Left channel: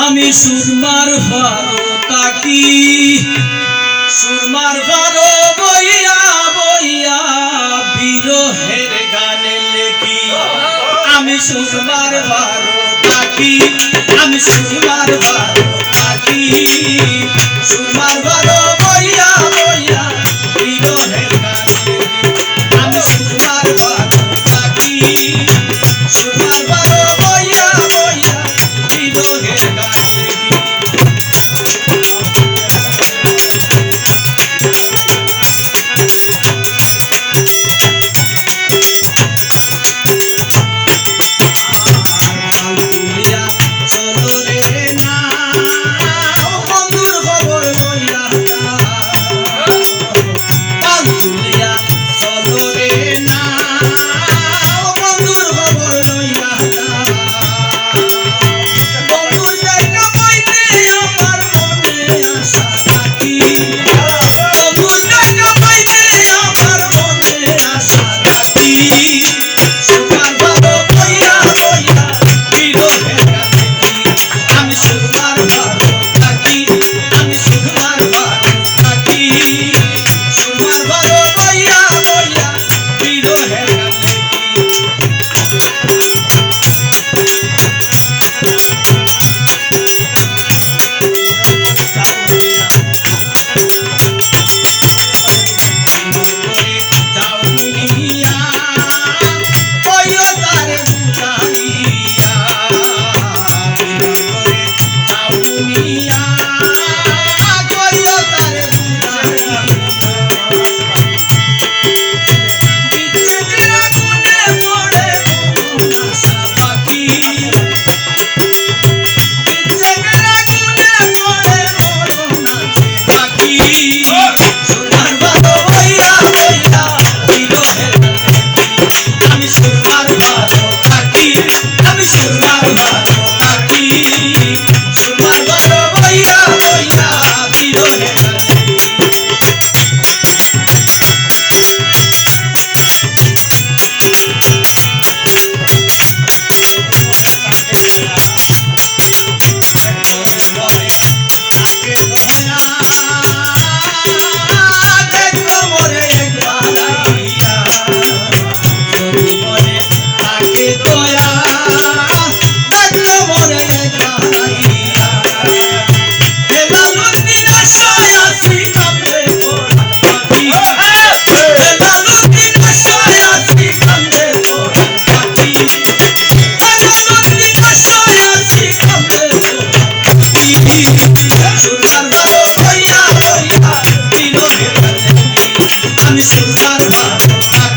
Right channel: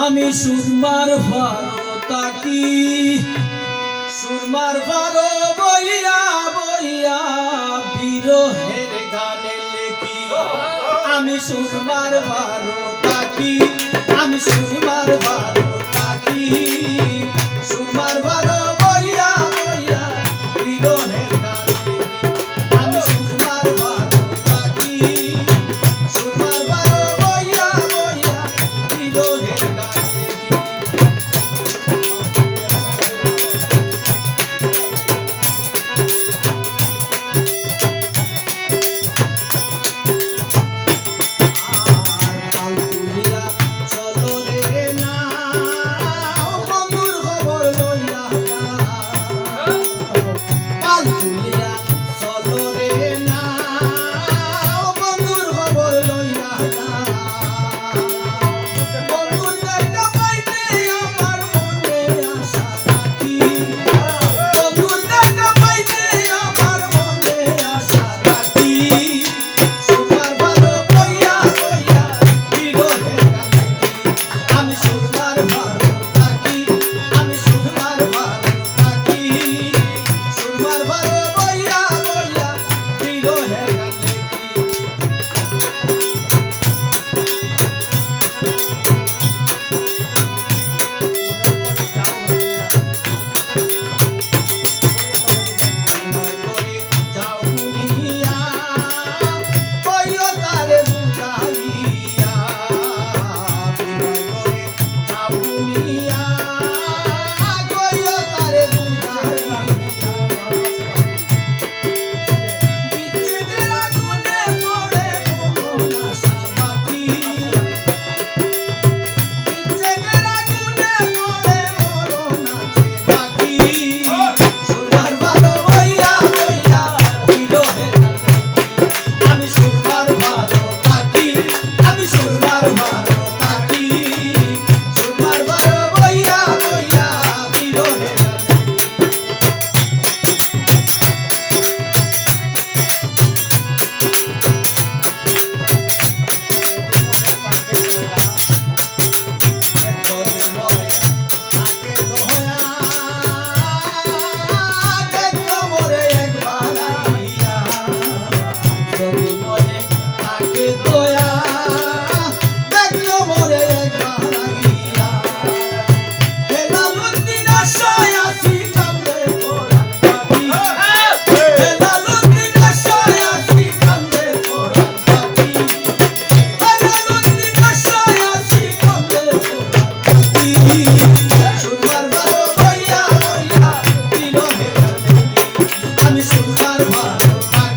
আমি সুরমার ভালো তাকি সুরমার ভালো বইয়া বইয়া বিরহের গানে লেখি আমি সুরমার ভালো তাকি আমি সুরমার ভালো তাকি সুরমার ভালো বইয়া বইয়া বিরহের গানে লেখি আমি সুরমার ভালো তাকি সুরমার ভালো বইয়া বইয়া বিরহের গানে লেখি আমি সুরমার ভালো